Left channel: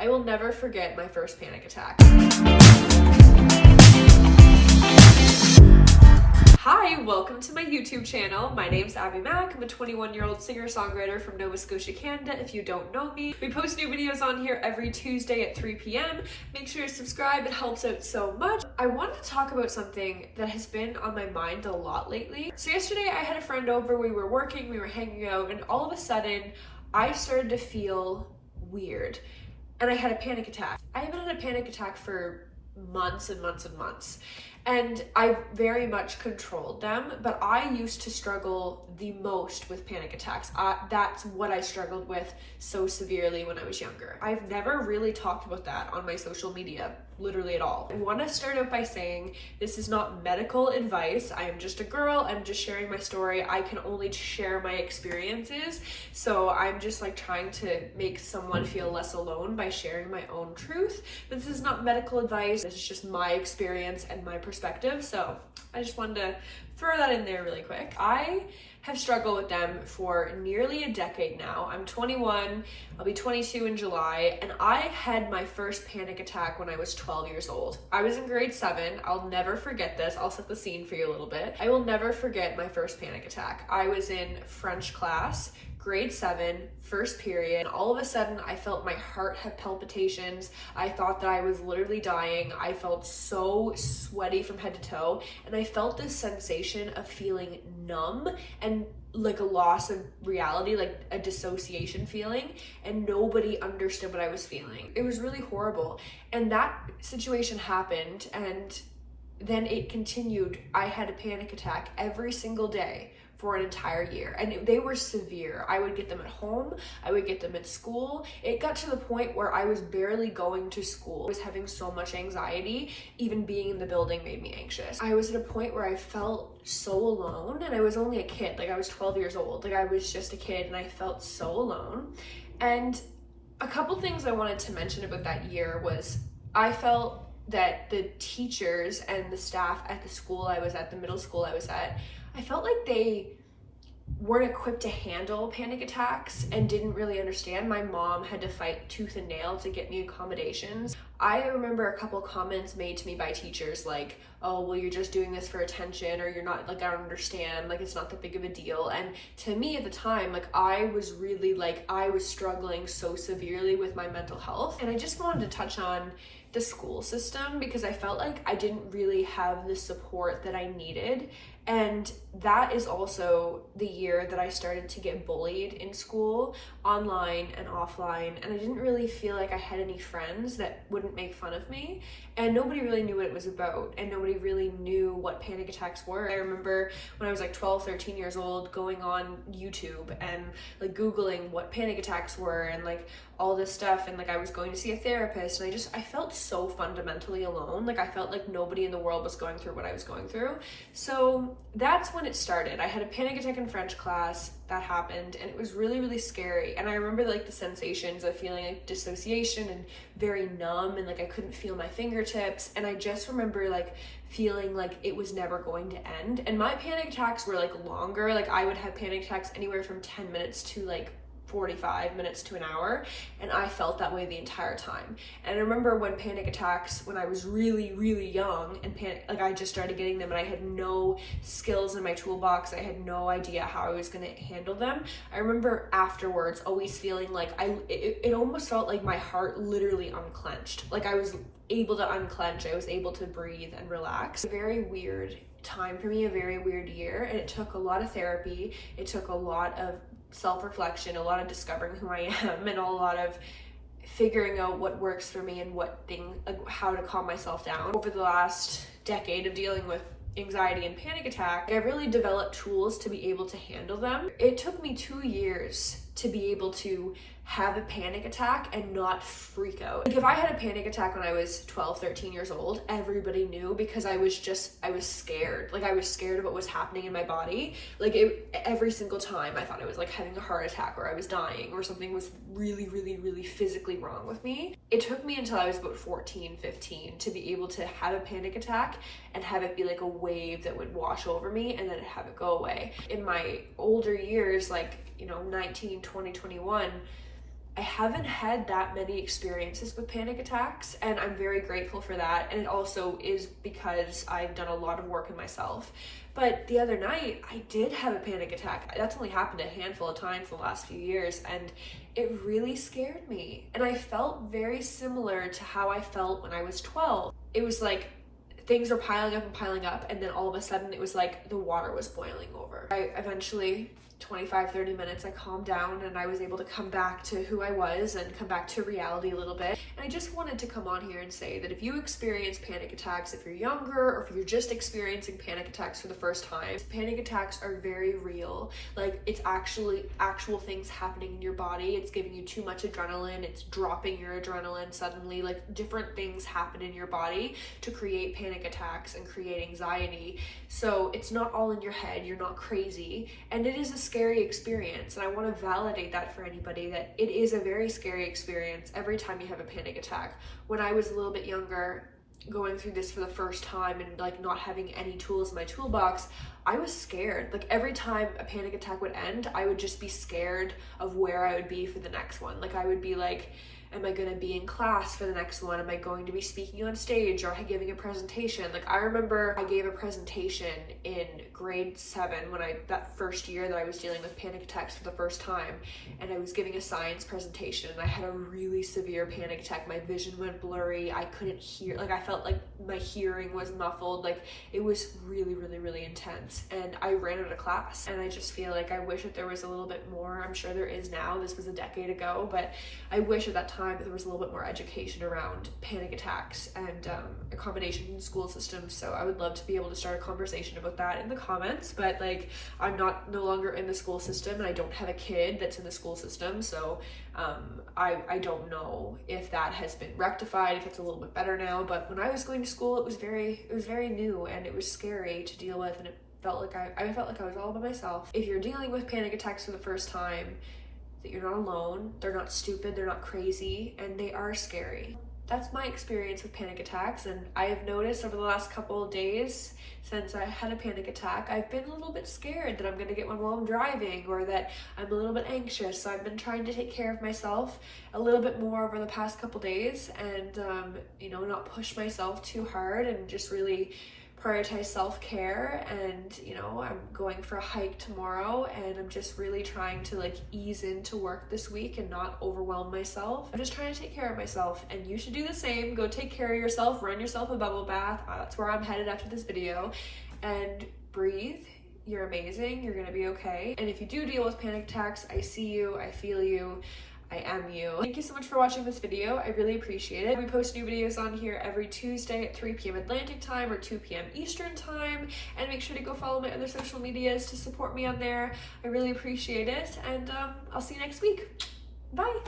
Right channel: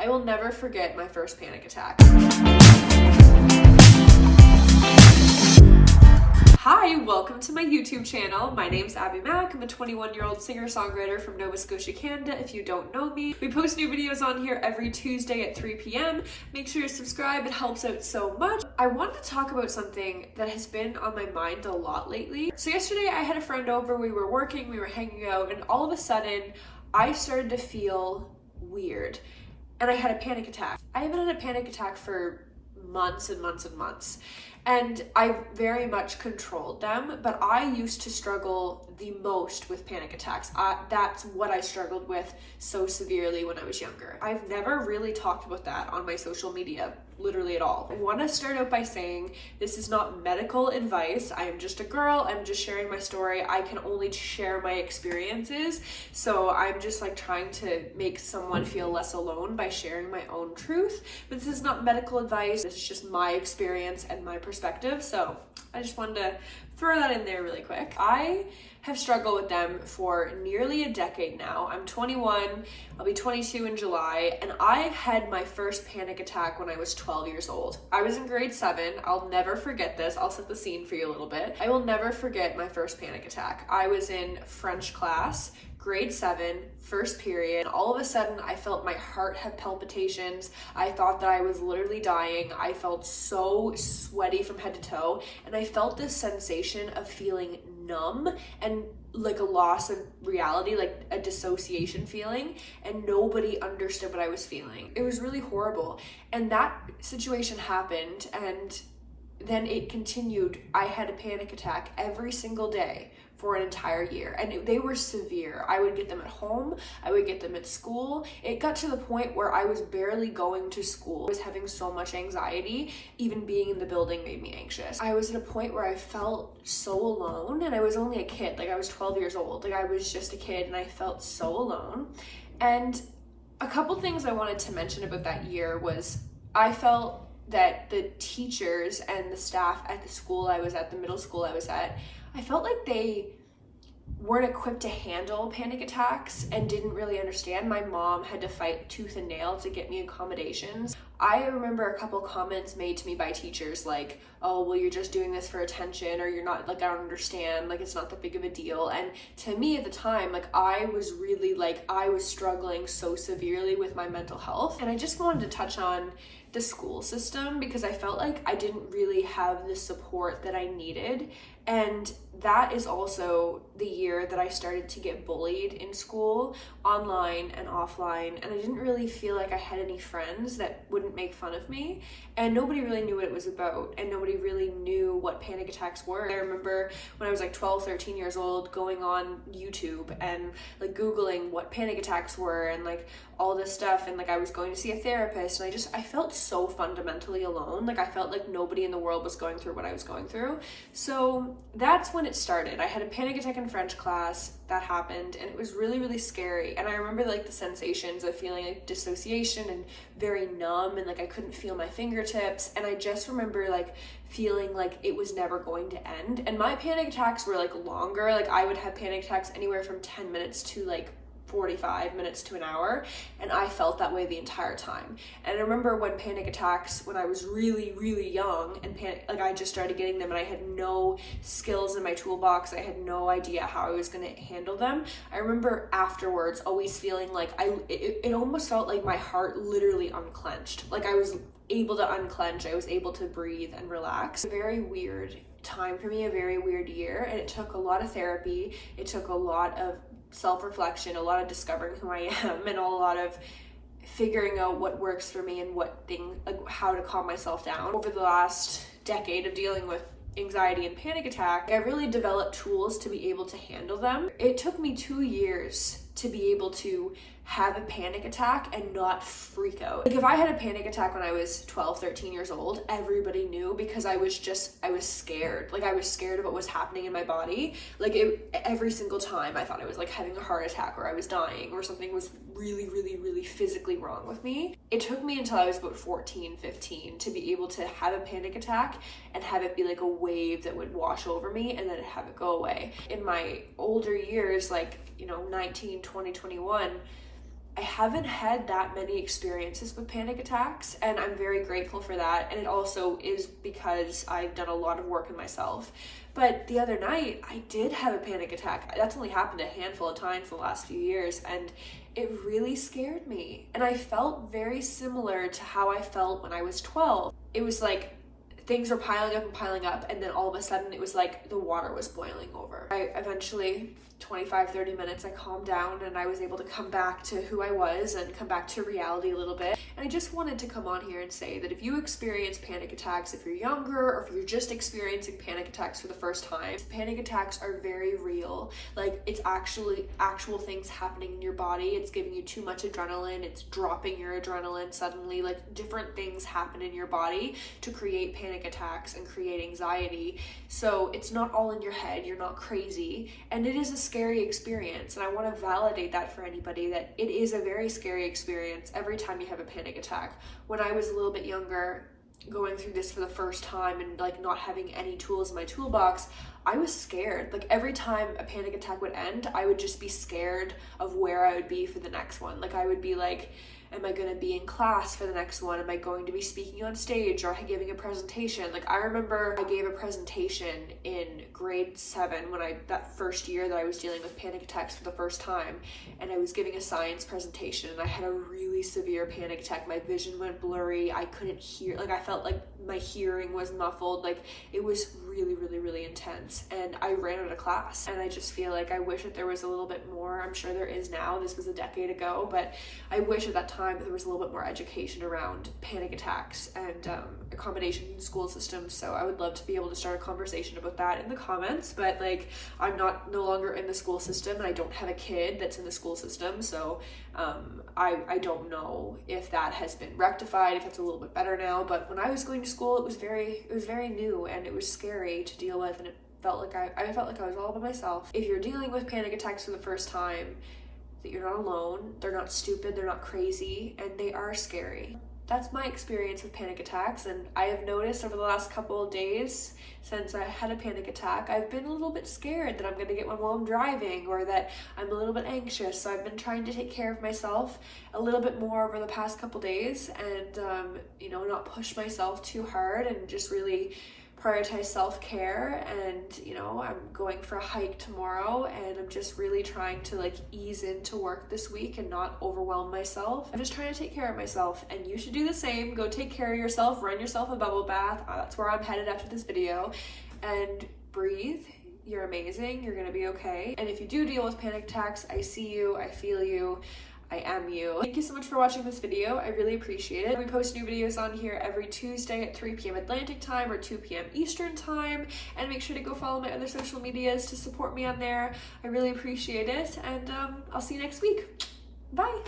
I will never forget my first panic attack. Hi, welcome to my YouTube channel. My name's Abi Mack. I'm a 21-year-old singer-songwriter from Nova Scotia, Canada. If you don't know me, we post new videos on here every Tuesday at 3 p.m. Make sure to subscribe, it helps out so much. I wanted to talk about something that has been on my mind a lot lately. So yesterday I had a friend over, we were working, we were hanging out, and all of a sudden I started to feel weird. And I had a panic attack. I haven't had a panic attack for months and months and months. And I very much controlled them, but I used to struggle the most with panic attacks. That's what I struggled with so severely when I was younger. I've never really talked about that on my social media, literally at all. I want to start out by saying this is not medical advice. I am just a girl. I'm just sharing my story. I can only share my experiences. So I'm just like trying to make someone feel less alone by sharing my own truth. But this is not medical advice. This is just my experience and my perspective. So I just wanted to throw that in there really quick. I have struggled with them for nearly a decade now. I'm 21, I'll be 22 in July, and I had my first panic attack when I was 12 years old. I was in grade 7. I'll never forget this. I'll set the scene for you a little bit. I will never forget my first panic attack. I was in French class, grade 7, first period. All of a sudden, I felt my heart have palpitations. I thought that I was literally dying. I felt so sweaty from head to toe. And I felt this sensation of feeling numb and like a loss of reality, like a dissociation feeling. And nobody understood what I was feeling. It was really horrible. And that situation happened, and then it continued. I had a panic attack every single day for an entire year, and they were severe. I would get them at home, I would get them at school. It got to the point where I was barely going to school. I was having so much anxiety, even being in the building made me anxious. I was at a point where I felt so alone, and I was only a kid, like I was 12 years old, like I was just a kid, and I felt so alone. And a couple things I wanted to mention about that year was I felt that the teachers and the staff at the school I was at, the middle school I was at, I felt like they weren't equipped to handle panic attacks and didn't really understand. My mom had to fight tooth and nail to get me accommodations. I remember a couple comments made to me by teachers like, oh, well, you're just doing this for attention, or you're not, like, I don't understand, like, it's not that big of a deal. And to me at the time, like, I was really, like, I was struggling so severely with my mental health. And I just wanted to touch on the school system because I felt like I didn't really have the support that I needed. And that is also the year that I started to get bullied in school, online and offline. And I didn't really feel like I had any friends that wouldn't make fun of me. And nobody really knew what it was about. And nobody really knew what panic attacks were. I remember when I was like 12, 13 years old, going on YouTube and like Googling what panic attacks were and like all this stuff. And like I was going to see a therapist, and I felt so fundamentally alone. Like I felt like nobody in the world was going through what I was going through. So that's when it started. I had a panic attack in French class. That happened, and it was really, really scary. And I remember like the sensations of feeling like dissociation and very numb, and like I couldn't feel my fingertips. And I just remember like feeling like it was never going to end. And my panic attacks were like longer. Like I would have panic attacks anywhere from 10 minutes to like 45 minutes to an hour, and I felt that way the entire time. And I remember when panic attacks, when I was really, really young, and like I just started getting them, and I had no skills in my toolbox. I had no idea how I was going to handle them. I remember afterwards always feeling like it almost felt like my heart literally unclenched. Like I was able to unclench, I was able to breathe and relax. A very weird time for me, a very weird year, and it took a lot of therapy. It took a lot of self-reflection, a lot of discovering who I am, and a lot of figuring out what works for me and like how to calm myself down. Over the last decade of dealing with anxiety and panic attack, I really developed tools to be able to handle them. It took me 2 years to be able to have a panic attack and not freak out. Like if I had a panic attack when I was 12, 13 years old, everybody knew because I was scared. Like I was scared of what was happening in my body. Like every single time I thought I was like having a heart attack or I was dying or something was really, really, really physically wrong with me. It took me until I was about 14, 15 to be able to have a panic attack and have it be like a wave that would wash over me and then have it go away. In my older years, like, 19, 20, 21, I haven't had that many experiences with panic attacks, and I'm very grateful for that. And it also is because I've done a lot of work in myself. But the other night, I did have a panic attack. That's only happened a handful of times in the last few years, and it really scared me. And I felt very similar to how I felt when I was 12. It was like things were piling up, and then all of a sudden it was like the water was boiling over. I eventually, 25-30 minutes, I calmed down and I was able to come back to who I was and come back to reality a little bit. And I just wanted to come on here and say that if you experience panic attacks, if you're younger, or if you're just experiencing panic attacks for the first time, panic attacks are very real. Like, it's actually actual things happening in your body. It's giving you too much adrenaline, it's dropping your adrenaline suddenly, like different things happen in your body to create panic attacks and create anxiety. So it's not all in your head, you're not crazy, and it is a scary experience. And I want to validate that for anybody, that it is a very scary experience every time you have a panic attack. When I was a little bit younger, going through this for the first time and like not having any tools in my toolbox, I was scared. Like every time a panic attack would end, I would just be scared of where I would be for the next one. Like I would be like, am I going to be in class for the next one? Am I going to be speaking on stage or giving a presentation? Like I remember I gave a presentation in grade 7 that first year that I was dealing with panic attacks for the first time, and I was giving a science presentation and I had a really severe panic attack. My vision went blurry. I couldn't hear, like I felt like my hearing was muffled. Like it was really, really, really intense, and I ran out of class. And I just feel like I wish that there was a little bit more. I'm sure there is now. This was a decade ago, but I wish at that time there was a little bit more education around panic attacks and accommodations in school systems. So I would love to be able to start a conversation about that in the comments. But like, I'm no longer in the school system, and I don't have a kid that's in the school system, so I don't know if that has been rectified, if it's a little bit better now. But when I was going to school, it was very new, and it was scary to deal with, and it felt like I felt like I was all by myself. If you're dealing with panic attacks for the first time, that you're not alone, they're not stupid, they're not crazy, and they are scary. That's my experience with panic attacks, and I have noticed over the last couple of days since I had a panic attack, I've been a little bit scared that I'm gonna get one while I'm driving, or that I'm a little bit anxious. So I've been trying to take care of myself a little bit more over the past couple days, and not push myself too hard, and just really prioritize self-care. And I'm going for a hike tomorrow, and I'm just really trying to like ease into work this week and not overwhelm myself. I'm just trying to take care of myself, and you should do the same. Go take care of yourself, run yourself a bubble bath. That's where I'm headed after this video. And breathe. You're amazing. You're gonna be okay. And if you do deal with panic attacks, I see you, I feel you, I am you. Thank you so much for watching this video. I really appreciate it. We post new videos on here every Tuesday at 3 p.m. Atlantic time or 2 p.m. Eastern time. And make sure to go follow my other social medias to support me on there. I really appreciate it. And I'll see you next week. Bye.